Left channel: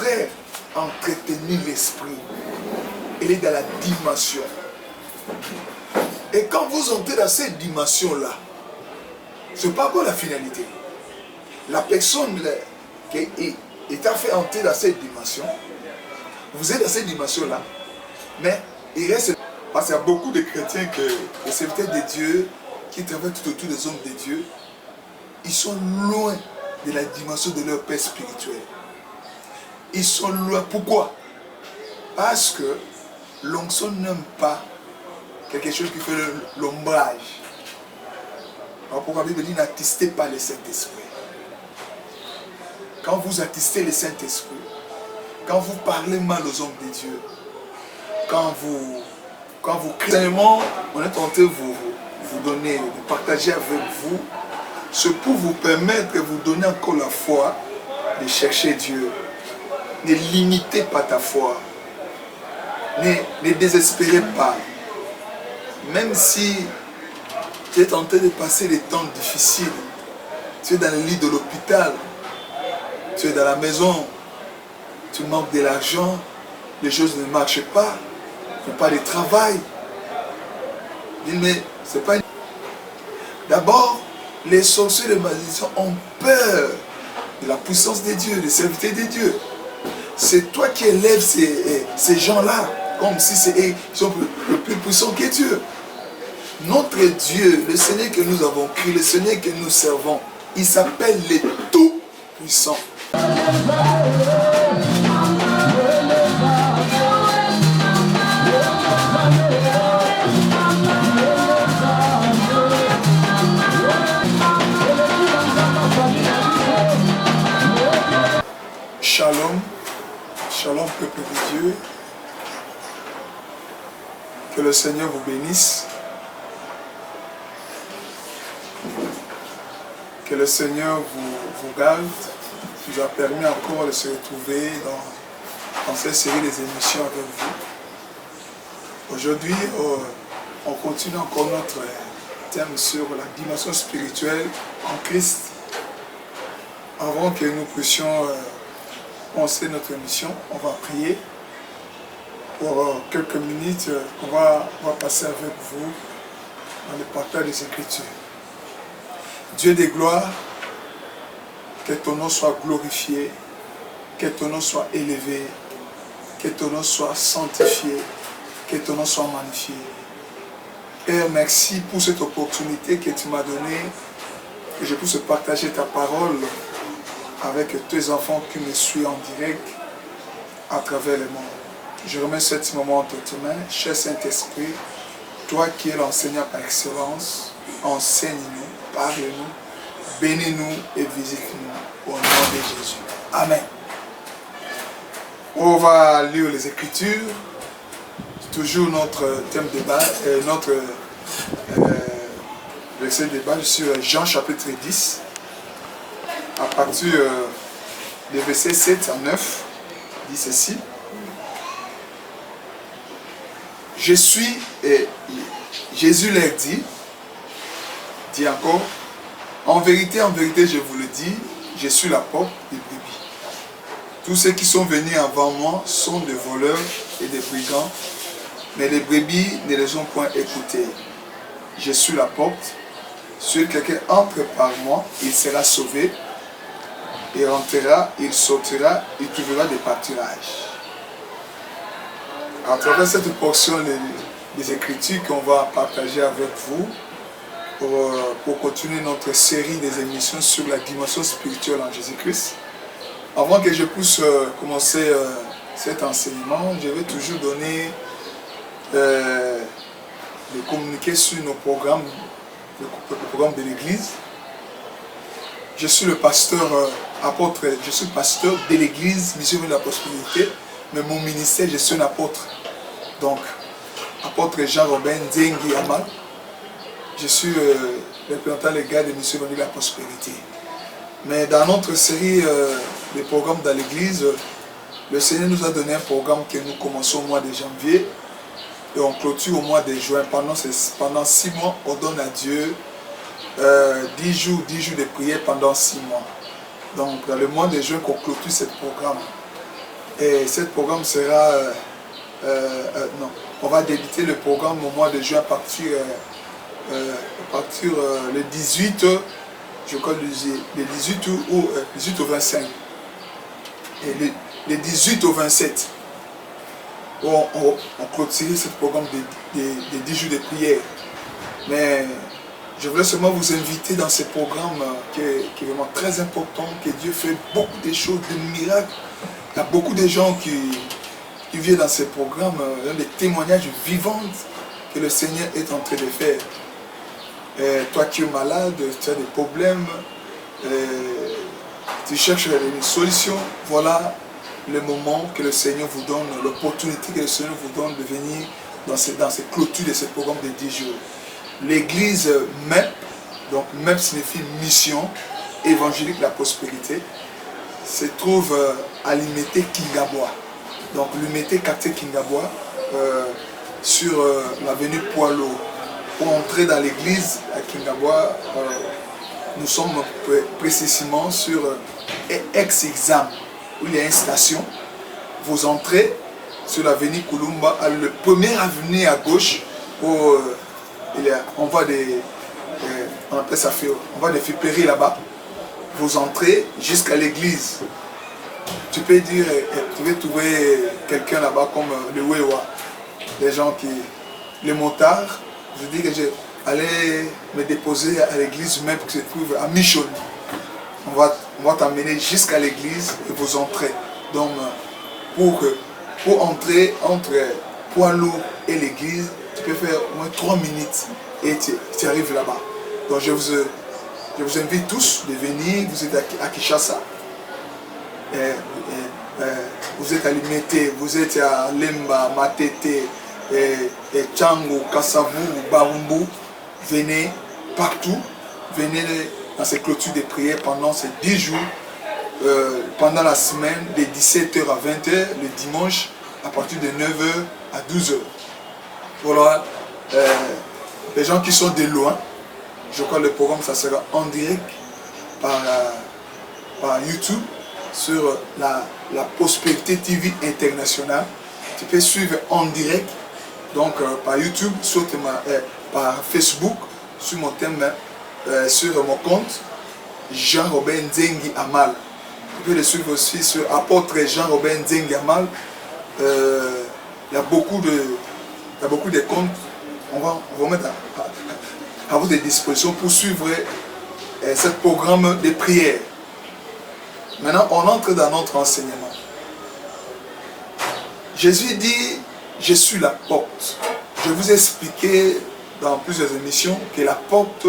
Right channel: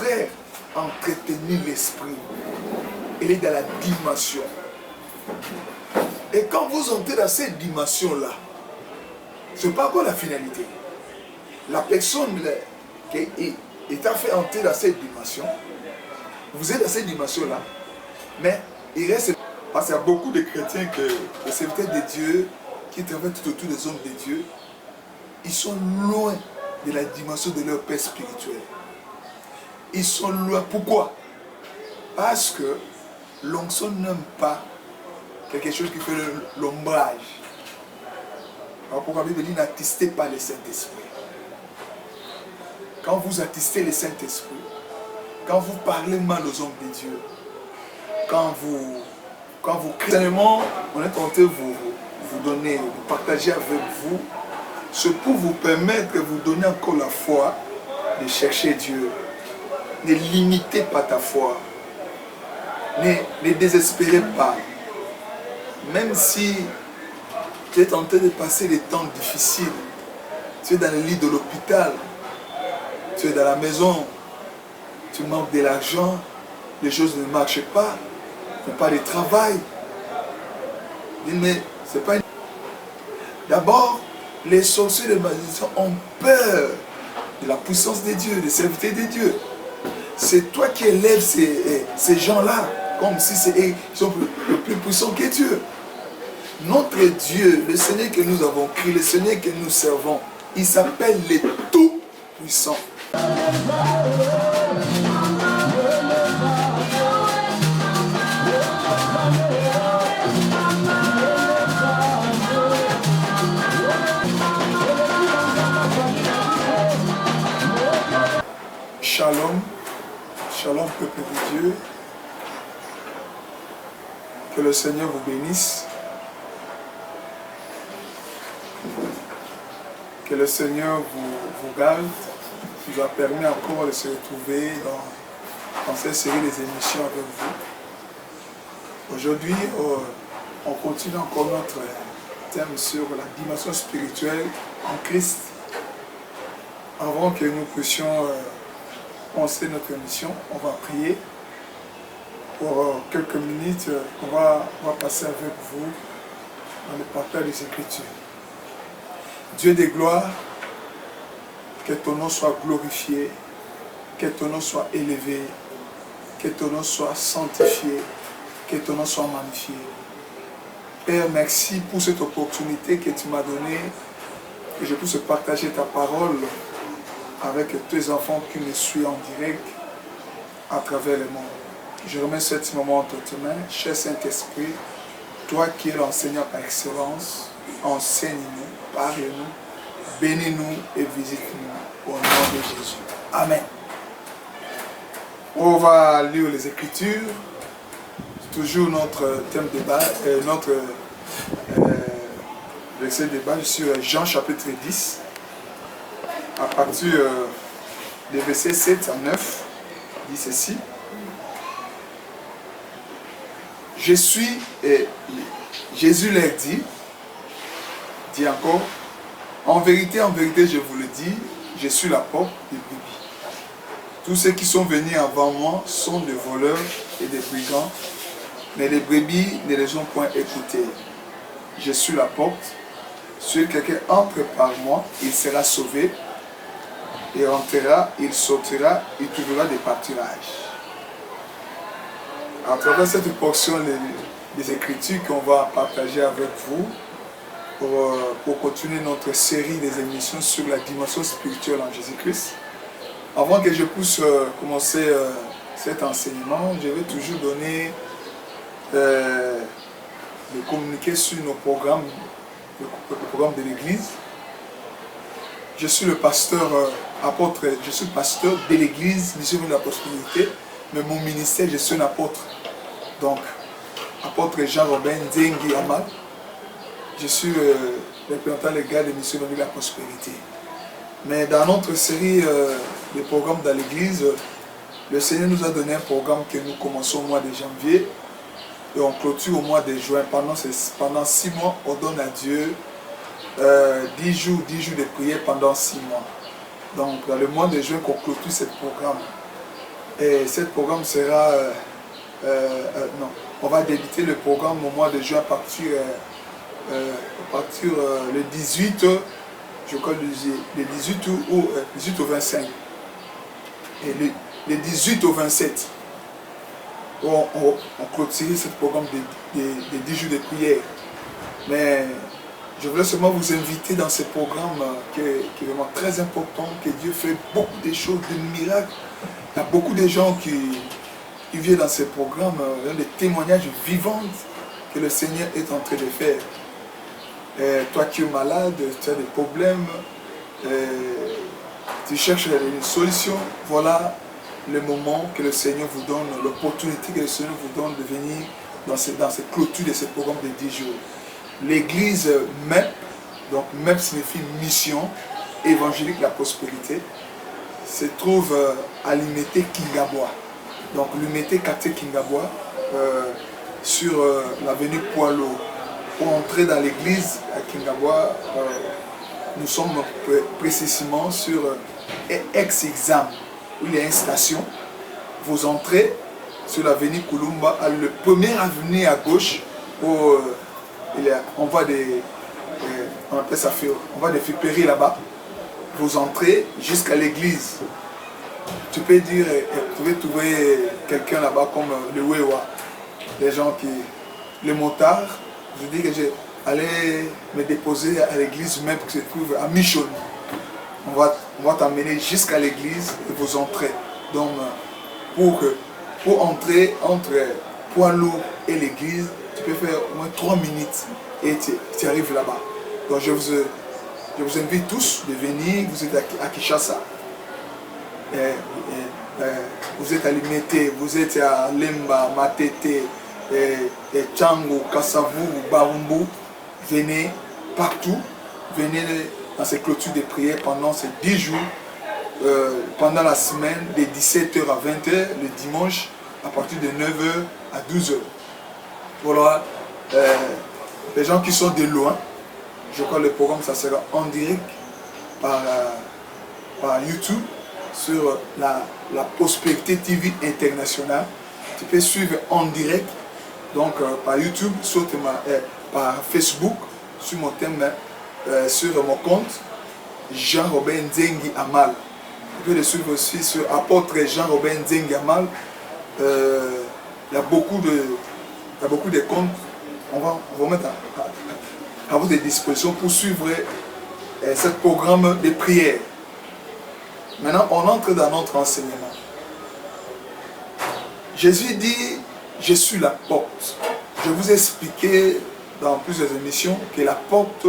contraire, entretenir l'esprit. Elle est dans la dimension. Et quand vous entrez dans cette dimension-là, ce n'est pas encore la finalité. La personne qui est fait entrer dans cette dimension, vous êtes dans cette dimension-là, mais il reste... Parce qu'il y a beaucoup de chrétiens, des serviteurs de Dieu, qui travaillent tout autour des hommes de Dieu, ils sont loin de la dimension de leur père spirituel. Ils sont loin. Pourquoi? Parce que l'onction n'aime pas quelque chose qui fait l'ombrage. Alors pourquoi la Bible dit n'attistez pas le Saint-Esprit. Quand vous attistez le Saint-Esprit, quand vous parlez mal aux hommes de Dieu, quand vous criez, on est tenté de vous donner, de partager avec vous, c'est pour vous permettre de vous donner encore la foi de chercher Dieu. Ne limitez pas ta foi. Ne désespérez pas. Même si tu es tenté de passer des temps difficiles, tu es dans le lit de l'hôpital, tu es dans la maison, tu manques de l'argent, les choses ne marchent pas, tu n'as pas de travail. Mais c'est pas... D'abord, les sorciers de magiciens ont peur de la puissance de Dieu, des serviteurs de Dieu. C'est toi qui élèves ces gens-là, comme si ils sont plus puissants que Dieu. Notre Dieu, le Seigneur que nous avons créé, le Seigneur que nous servons, il s'appelle le Tout-Puissant. Shalom, shalom peuple de Dieu, que le Seigneur vous bénisse, que le Seigneur vous garde, nous a permis encore de se retrouver dans cette série des émissions avec vous. Aujourd'hui, on continue encore notre thème sur la dimension spirituelle en Christ. Avant que nous puissions commencer notre émission, on va prier pour quelques minutes. On va passer avec vous dans le partage des Écritures. Dieu des gloires, que ton nom soit glorifié, que ton nom soit élevé, que ton nom soit sanctifié, que ton nom soit magnifié. Père, merci pour cette opportunité que tu m'as donnée, que je puisse partager ta parole avec tes enfants qui me suivent en direct à travers le monde. Je remets ce moment entre tes mains, cher Saint-Esprit, toi qui es l'enseignant par excellence, enseigne-nous, parle-nous, bénis-nous et visite-nous au nom de Jésus. Amen. On va lire les Écritures, toujours notre thème de débat, notre verset de débat sur Jean chapitre 10. À partir des versets 7 à 9, dit ceci. Je suis, et Jésus leur dit encore, en vérité, je vous le dis, je suis la porte des brebis. Tous ceux qui sont venus avant moi sont des voleurs et des brigands, mais les brebis ne les ont point écoutés. Je suis la porte, si quelqu'un entre par moi, il sera sauvé. Il rentrera, il sortira, il trouvera des pâturages. À travers cette portion des Écritures qu'on va partager avec vous pour continuer notre série des émissions sur la dimension spirituelle en Jésus-Christ. Avant que je puisse commencer cet enseignement, je vais toujours donner le communiqué sur nos programmes, le programme de l'Église. Je suis le pasteur apôtre, je suis pasteur de l'église Mission de la Prospérité, mais mon ministère, je suis un apôtre. Donc, apôtre Jean-Robin Nzengi Amal. Je suis le représentant légal de Mission de la Prospérité. Mais dans notre série de programmes dans l'église, le Seigneur nous a donné un programme que nous commençons au mois de janvier et on clôture au mois de juin. Pendant 6 mois, on donne à Dieu 10 jours de prière pendant 6 mois. Donc, dans le mois de juin, qu'on clôture ce programme. Et ce programme sera... non, on va débuter le programme au mois de juin à partir le 18, je crois le 18 ou 18 au 25. Et le 18 au 27, on clôture ce programme de 10 jours de prière. Mais je voulais seulement vous inviter dans ce programme qui est vraiment très important, que Dieu fait beaucoup de choses, de miracles. Il y a beaucoup de gens qui viennent dans ce programme, des témoignages vivants que le Seigneur est en train de faire. Toi qui es malade, tu as des problèmes, tu cherches une solution, voilà le moment que le Seigneur vous donne, l'opportunité que le Seigneur vous donne de venir dans cette clôture de ce programme de 10 jours. L'église MEP, donc MEP signifie Mission Évangélique de la Prospérité, se trouve à l'Imité Kingabwa. Donc l'Imité quartier Kingabwa, sur l'avenue Poilo. Pour entrer dans l'église à Kingabwa, nous sommes précisément sur ex-exam, où il y a une station. Vous entrez sur l'avenue Kulumba, le premier avenue à gauche, où on voit des friperies là-bas. Vous entrez jusqu'à l'église. Tu peux dire, tu veux trouver quelqu'un là-bas comme le Wewa, les gens les motards. Je dis que j'allais me déposer à l'église même qui se trouve à Michon. On va t'amener jusqu'à l'église et vous entrez. Donc, pour entrer entre Poilour et l'église, tu peux faire au moins 3 minutes et tu arrives là-bas. Donc, je vous invite tous de venir. Vous êtes à Kinshasa. Vous êtes à Limete, vous êtes à Lemba, Matete, Tchango, Kassavou, Barumbu. Venez partout, venez dans ces clôtures de prière pendant ces 10 jours, pendant la semaine, de 17h à 20h, le dimanche, à partir de 9h à 12h. Voilà, les gens qui sont de loin, je crois que le programme ça sera en direct par YouTube sur la Prospérité TV internationale. Tu peux suivre en direct, donc par YouTube, par Facebook, sur mon thème, sur mon compte, Jean-Robert Nzengi Amal. Tu peux le suivre aussi sur apôtre Jean-Robert Nzengi Amal. Il y a beaucoup de comptes. On va mettre à votre disposition pour suivre ce programme de prière. Maintenant, on entre dans notre enseignement. Jésus dit, je suis la porte. Je vous ai expliqué dans plusieurs émissions que la porte,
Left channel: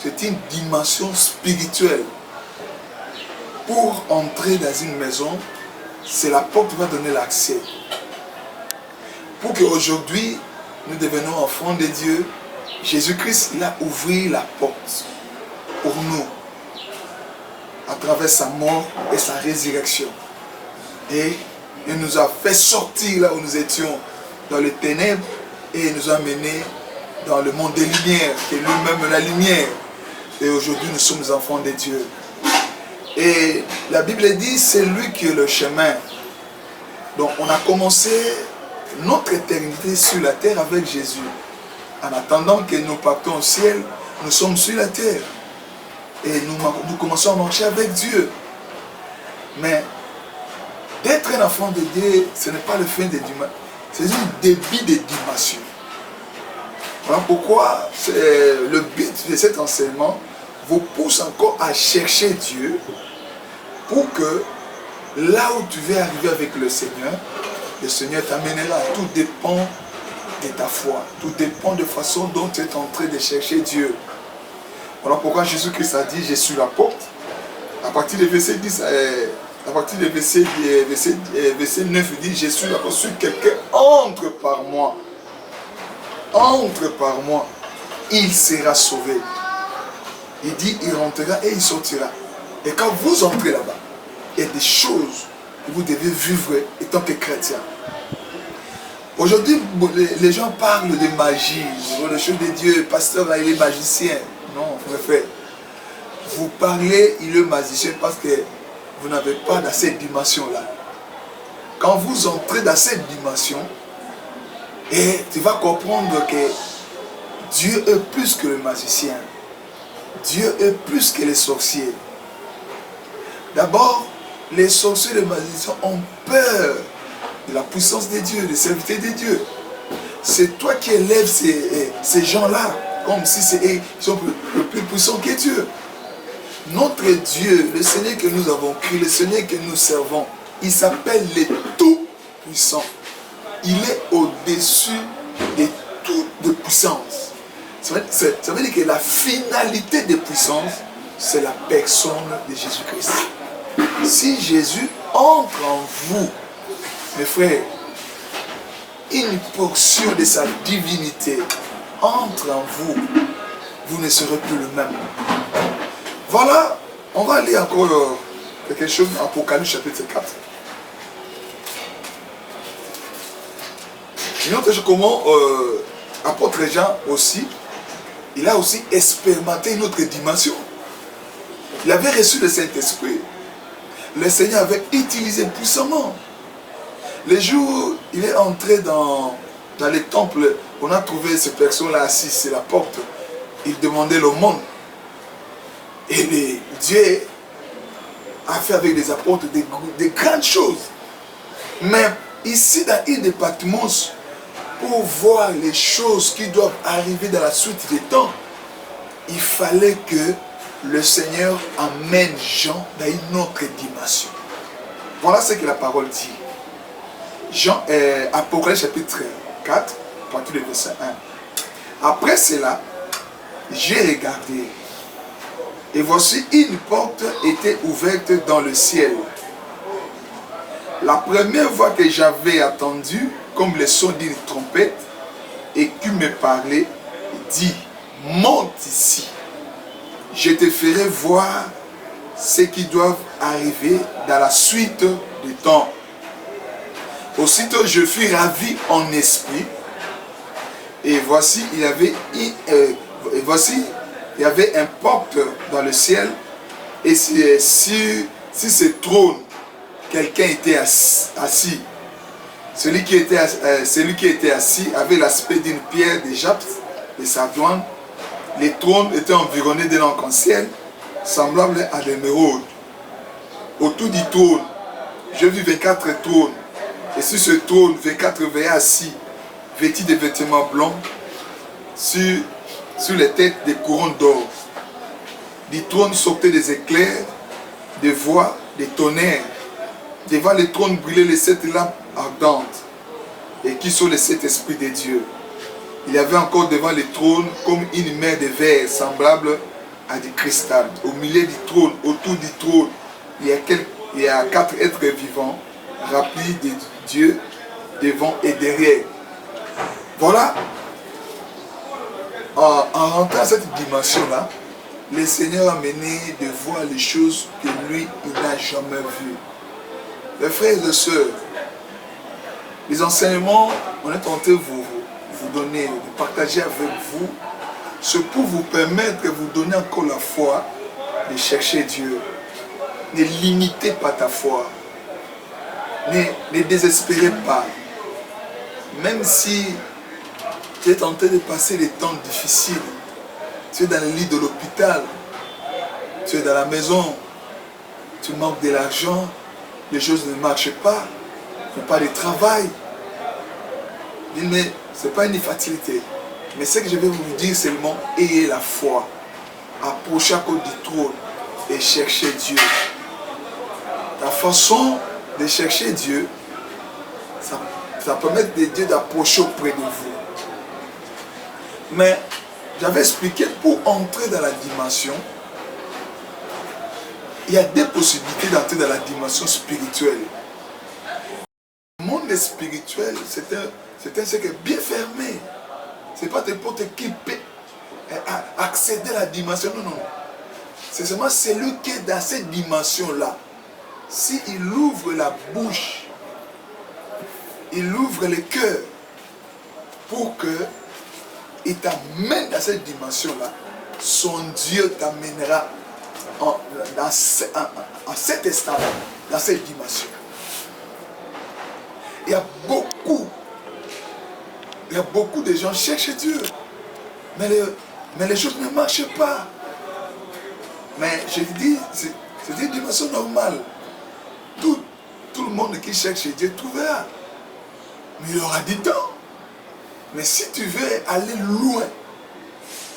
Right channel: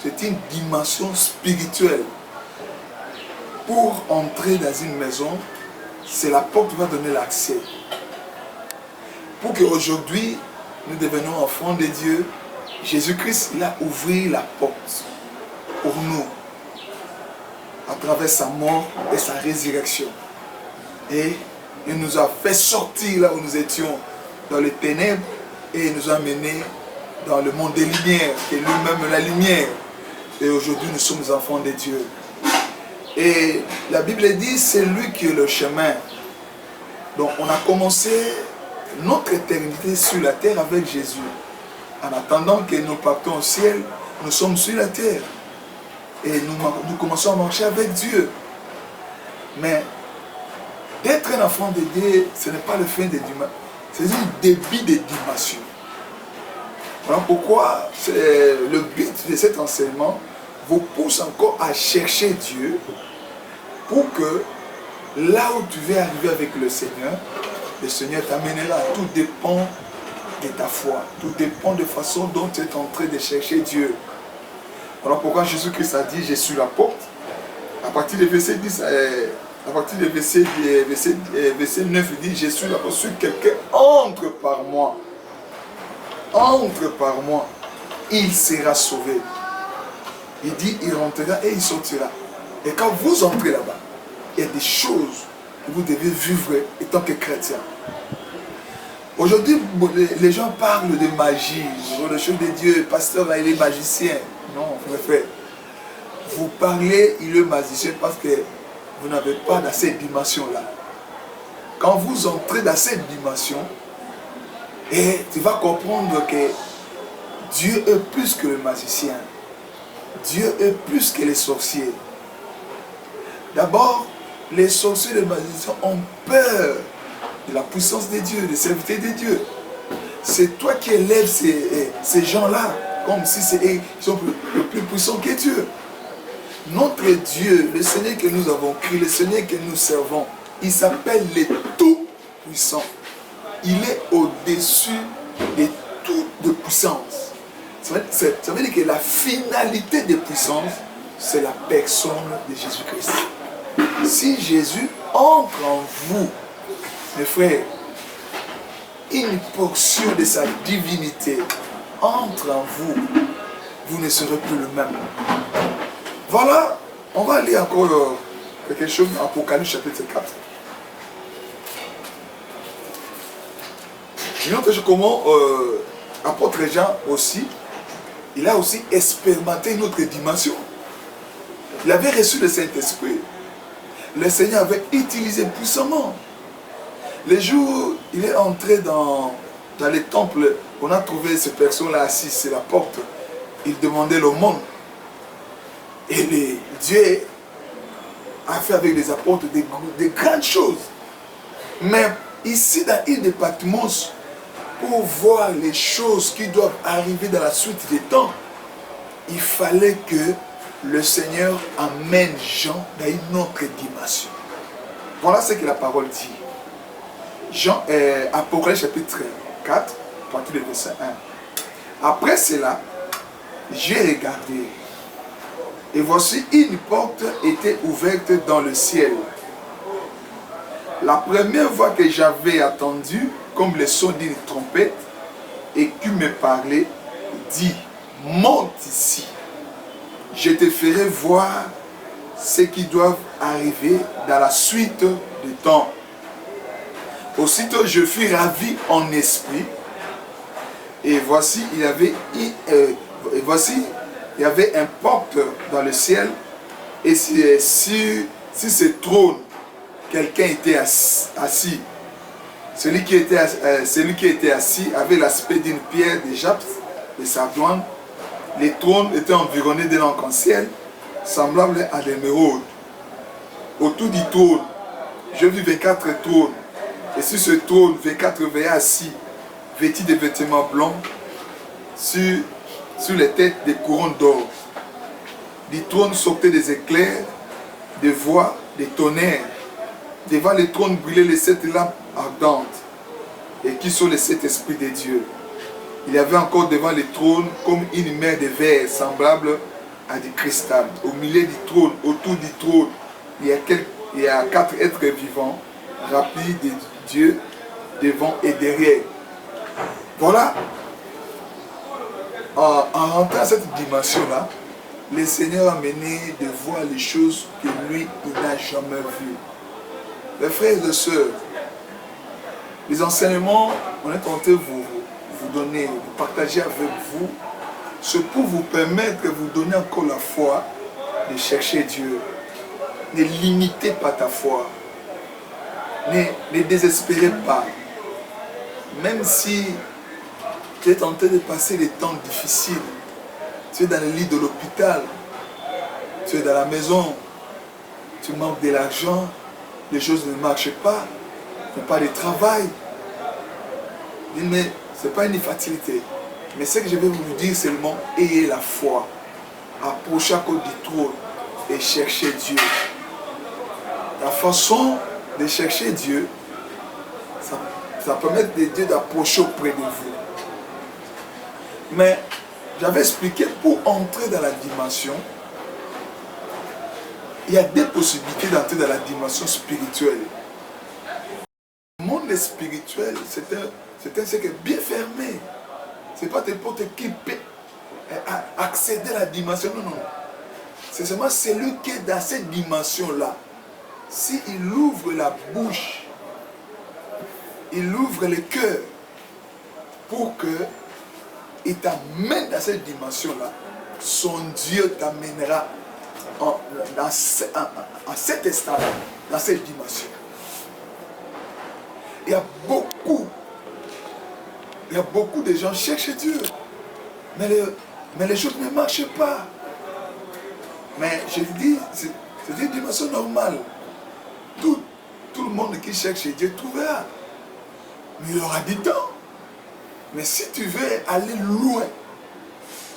c'est une dimension spirituelle. Pour entrer dans une maison, c'est la porte qui va donner l'accès. Pour qu'aujourd'hui, nous devenions enfants de Dieu, Jésus-Christ, il a ouvert la porte pour nous, à travers sa mort et sa résurrection. Et il nous a fait sortir là où nous étions, dans les ténèbres, et il nous a menés dans le monde des lumières, qui est lui-même la lumière. Et aujourd'hui, nous sommes enfants de Dieu. Et la Bible dit, c'est lui qui est le chemin. Donc, on a commencé notre éternité sur la terre avec Jésus. En attendant que nous partons au ciel, nous sommes sur la terre. Et nous commençons à marcher avec Dieu. Mais d'être un enfant de Dieu, ce n'est pas le fin de dimanche. C'est un début de dimension. Voilà pourquoi le but de cet enseignement vous pousse encore à chercher Dieu pour que là où tu veux arriver avec le Seigneur t'amènera. Tout dépend de ta foi. Tout dépend de la façon dont tu es en train de chercher Dieu. Voilà pourquoi Jésus-Christ a dit, je suis la porte. À partir du verset 10, à partir du verset 9, il dit, je suis la porte. Si quelqu'un entre par moi, il sera sauvé. Il dit, il rentrera et il sortira. Et quand vous entrez là-bas, il y a des choses que vous devez vivre étant que chrétien. Aujourd'hui, les gens parlent de magie, de choses de Dieu, le pasteur là, il est magicien. Non, frère. Vous parlez, il est magicien parce que vous n'avez pas dans cette dimension-là. Quand quand vous entrez dans cette dimension, et tu vas comprendre que Dieu est plus que le magicien. Dieu est plus que les sorciers. D'abord, les sorciers et les magiciens ont peur de la puissance de Dieu, des serviteurs de Dieu. C'est toi qui élèves ces gens-là, comme si ils sont plus puissants que Dieu. Notre Dieu, le Seigneur que nous avons créé, le Seigneur que nous servons, il s'appelle le Tout-Puissant. Il est au-dessus de toute puissance. Ça veut dire que la finalité de puissance, c'est la personne de Jésus-Christ. Si Jésus entre en vous, mes frères, une portion de sa divinité entre en vous, vous ne serez plus le même. Voilà, on va lire encore quelque chose dans Apocalypse chapitre 4. Une autre chose, comment apôtre Jean aussi, il a aussi expérimenté une autre dimension. Il avait reçu le Saint-Esprit. Le Seigneur avait utilisé puissamment. Le jour où il est entré dans les temples, on a trouvé ces personnes-là assises sur la porte. Il demandait le monde. Et Dieu a fait avec les apôtres des grandes choses. Mais ici, dans l'île de Patmos, pour voir les choses qui doivent arriver dans la suite des temps, il fallait que le Seigneur amène Jean dans une autre dimension. Voilà ce que la parole dit. Apocalypse chapitre 4, à partir du verset 1. Après cela, j'ai regardé, et voici une porte était ouverte dans le ciel. La première voix que j'avais entendue, comme le son d'une trompette, et qui me parlait, dit, monte ici. Je te ferai voir ce qui doit arriver dans la suite du temps. Aussitôt je fus ravi en esprit, et voici il y avait un porte dans le ciel, et sur ce trône, quelqu'un était assis. Celui qui était assis avait l'aspect d'une pierre de jaspe, de sardoine. Les trônes étaient environnés d'un arc-en-ciel, semblable à l'émeraude. Autour du trône, je vis 24 trônes. Et sur ce trône, 24 veillent assis, vêtus de vêtements blancs, sur les têtes des couronnes d'or. Du trône sortaient des éclairs, des voix, des tonnerres. Devant le trône brillaient les 7 lampes ardentes, et qui sont les 7 esprits de Dieu. Il y avait encore devant le trône comme une mer de verre semblable à du cristal. Au milieu du trône, autour du trône, il y a 4 êtres vivants, remplis de Dieu, devant et derrière. Voilà. En rentrant dans cette dimension-là, le Seigneur a mené de voir les choses que lui, il n'a jamais vues. Mes frères et sœurs, les enseignements, on est tenté de vous donner, de partager avec vous, c'est pour vous permettre de vous donner encore la foi de chercher Dieu. Ne limitez pas ta foi. Ne désespérez pas. Même si tu es tenté de passer des temps difficiles, tu es dans le lit de l'hôpital, tu es dans la maison, tu manques de l'argent, les choses ne marchent pas, tu n'as pas de travail. Mais ce n'est pas une fatalité. Mais ce que je vais vous dire seulement, ayez la foi. Approchez à cause du trône et cherchez Dieu. La façon de chercher Dieu, ça permet de Dieu d'approcher auprès de vous. Mais j'avais expliqué, pour entrer dans la dimension, il y a deux possibilités d'entrer dans la dimension spirituelle. Le monde spirituel, c'est un secret bien fermé. Ce n'est pas n'importe qui peut accéder à la dimension. Non, non. C'est seulement celui qui est dans cette dimension-là. S'il ouvre la bouche, il ouvre le cœur pour qu'il t'amène dans cette dimension-là, son Dieu t'amènera en cet instant-là, dans cette dimension. Il y a beaucoup de gens qui cherchent Dieu. Mais les choses ne marchent pas. Mais je te dis, c'est une dimension normale. Tout le monde qui cherche Dieu trouvera. Mais il aura du temps. Mais si tu veux aller loin,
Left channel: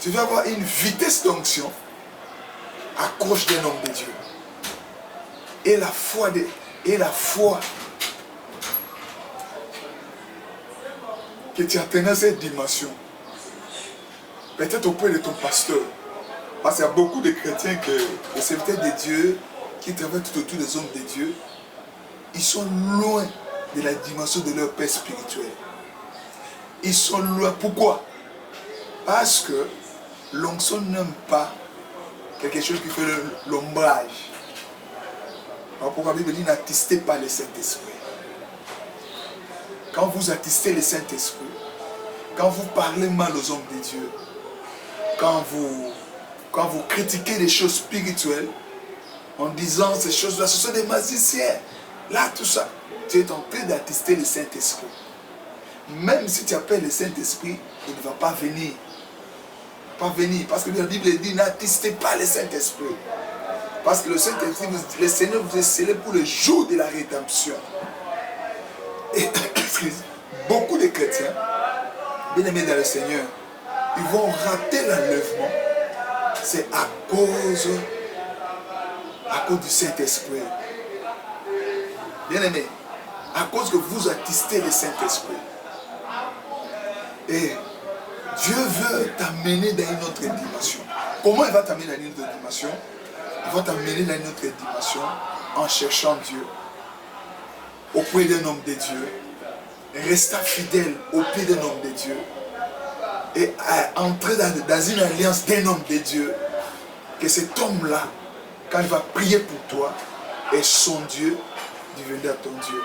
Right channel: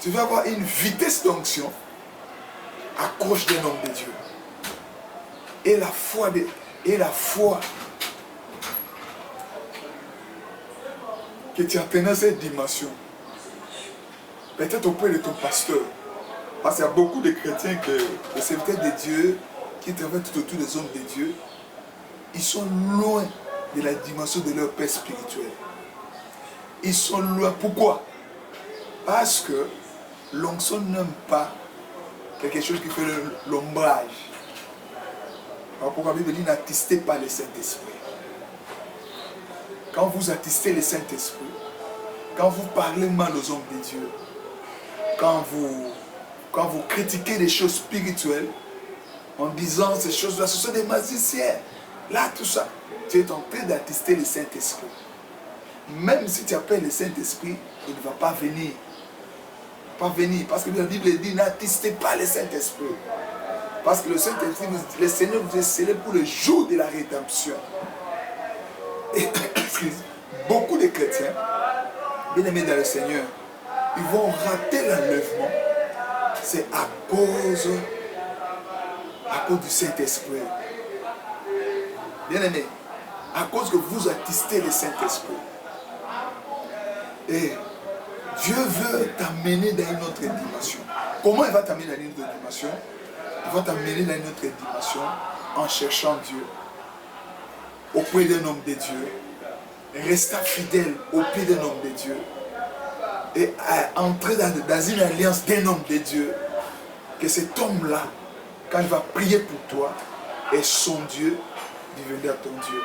tu veux avoir une vitesse d'onction, accroche d'un homme de Dieu. Et la foi que tu atteins cette dimension, peut-être auprès de ton pasteur. Parce qu'il y a beaucoup de chrétiens, les serviteurs de Dieu, qui travaillent tout autour des hommes de Dieu, ils sont loin de la dimension de leur père spirituel. Ils sont loin. Pourquoi? Parce que l'onction n'aime pas quelque chose qui fait l'ombrage. Pourquoi la Bible dit n'attistez pas le Saint-Esprit. Quand vous attistez le Saint-Esprit, quand vous parlez mal aux hommes de Dieu, quand vous critiquez les choses spirituelles, en disant ces choses-là, ce sont des magiciens. Là, tout ça, tu es en train d'attister le Saint-Esprit. Même si tu appelles le Saint-Esprit, il ne va pas venir. Pas venir. Parce que la Bible dit, n'attistez pas le Saint-Esprit. Parce que le Saint-Esprit, le Seigneur vous est scellé pour le jour de la rédemption. Et beaucoup de chrétiens, bien-aimés dans le Seigneur, ils vont rater l'enlèvement. C'est à cause du Saint-Esprit. Bien-aimés, à cause que vous attistez le Saint-Esprit. Et Dieu veut t'amener dans une autre dimension. Comment il va t'amener dans une autre dimension? Il va t'amener dans une autre dimension en cherchant Dieu auprès d'un homme de Dieu, restant fidèle auprès d'un homme de Dieu et entrer dans une alliance d'un homme de Dieu, que cet homme-là, quand il va prier pour toi, est son Dieu, deviendra ton Dieu.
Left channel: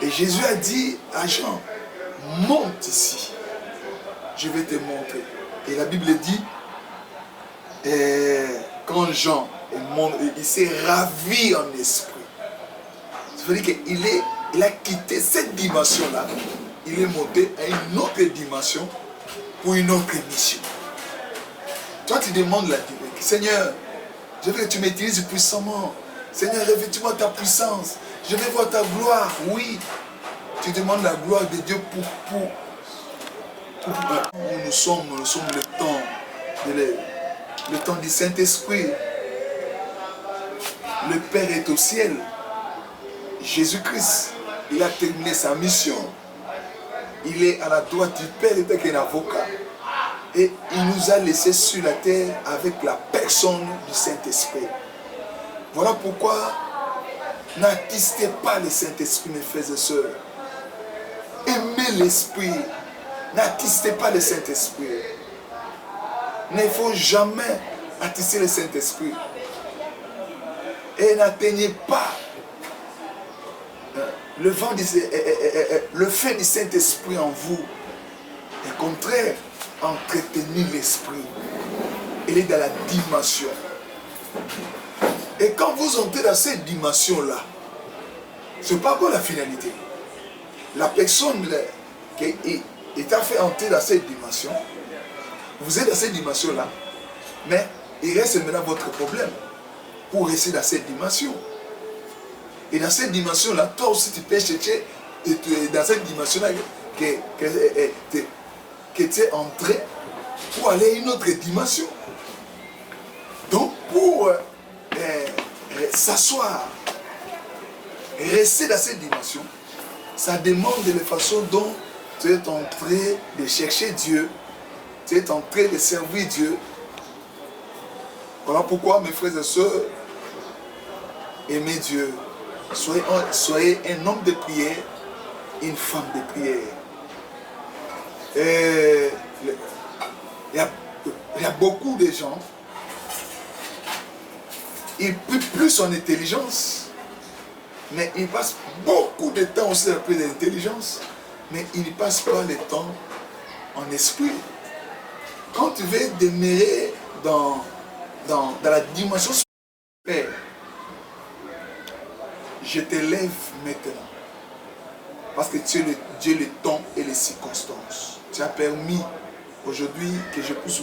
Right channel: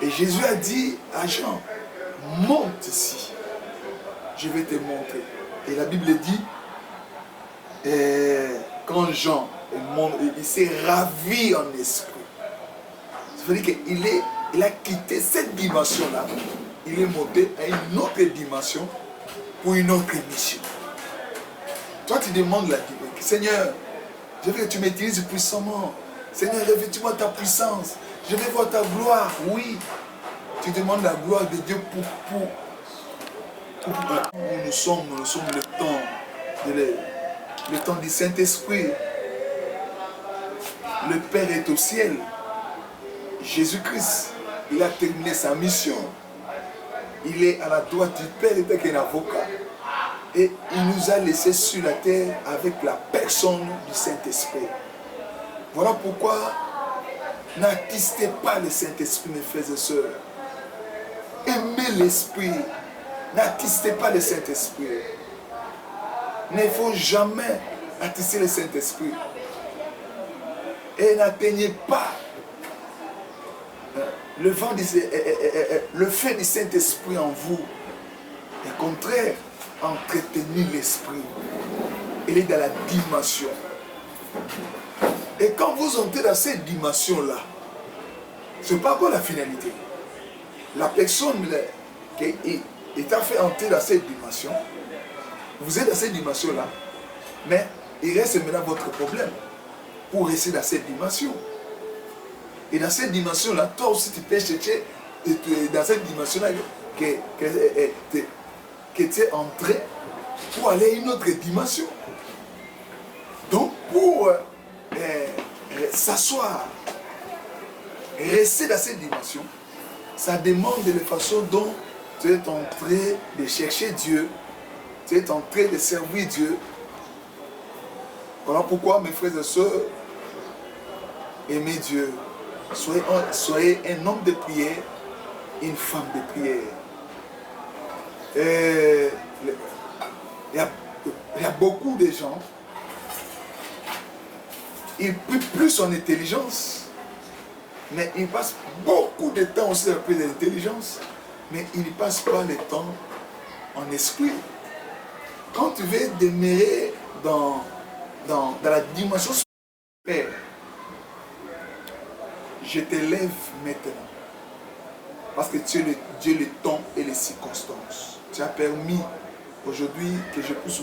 Et Jésus a dit à Jean, monte ici, je vais te montrer. Et la Bible dit, quand Jean monte, il s'est ravi en esprit. Ça veut dire qu'il a quitté cette dimension-là, il est monté à une autre dimension pour une autre mission. Toi, tu demandes la dimension. Seigneur, je veux que tu m'utilises puissamment. Seigneur, revêtis-moi ta puissance. Je veux voir ta gloire. Oui, tu demandes la gloire de Dieu pour nous sommes le temps du Saint-Esprit. Le Père est au ciel. Jésus-Christ, il a terminé sa mission. Il est à la droite du Père, il est un avocat. Et il nous a laissés sur la terre avec la personne du Saint-Esprit. Voilà pourquoi n'attistez pas le Saint-Esprit, mes frères et sœurs. Aimez l'Esprit. N'attistez pas le Saint-Esprit. Il ne faut jamais attister le Saint-Esprit. Et n'atteignez pas le fait du Saint-Esprit en vous. Au contraire, entretenir l'Esprit. Il est dans la dimension. Et quand vous entrez dans cette dimension-là, ce n'est pas quoi la finalité. La personne qui est fait entrer dans cette dimension, vous êtes dans cette dimension-là, mais il reste maintenant votre problème pour rester dans cette dimension. Et dans cette dimension-là, toi aussi tu peux chercher dans cette dimension-là que tu es entré pour aller à une autre dimension. Donc pour s'asseoir, rester dans cette dimension, ça demande de la façon dont tu es en train de chercher Dieu, tu es en train de servir Dieu. Voilà pourquoi, mes frères et sœurs, aimez Dieu. Soyez un homme de prière, une femme de prière. Il y a beaucoup de gens, ils prient plus en intelligence, mais ils passent beaucoup de temps aussi à prier d'intelligence, mais ils ne passent pas le temps en esprit. Quand tu veux demeurer dans la dimension spirituelle, je te lève maintenant. Parce que tu es le Dieu, le temps et les circonstances. Tu as permis aujourd'hui que je puisse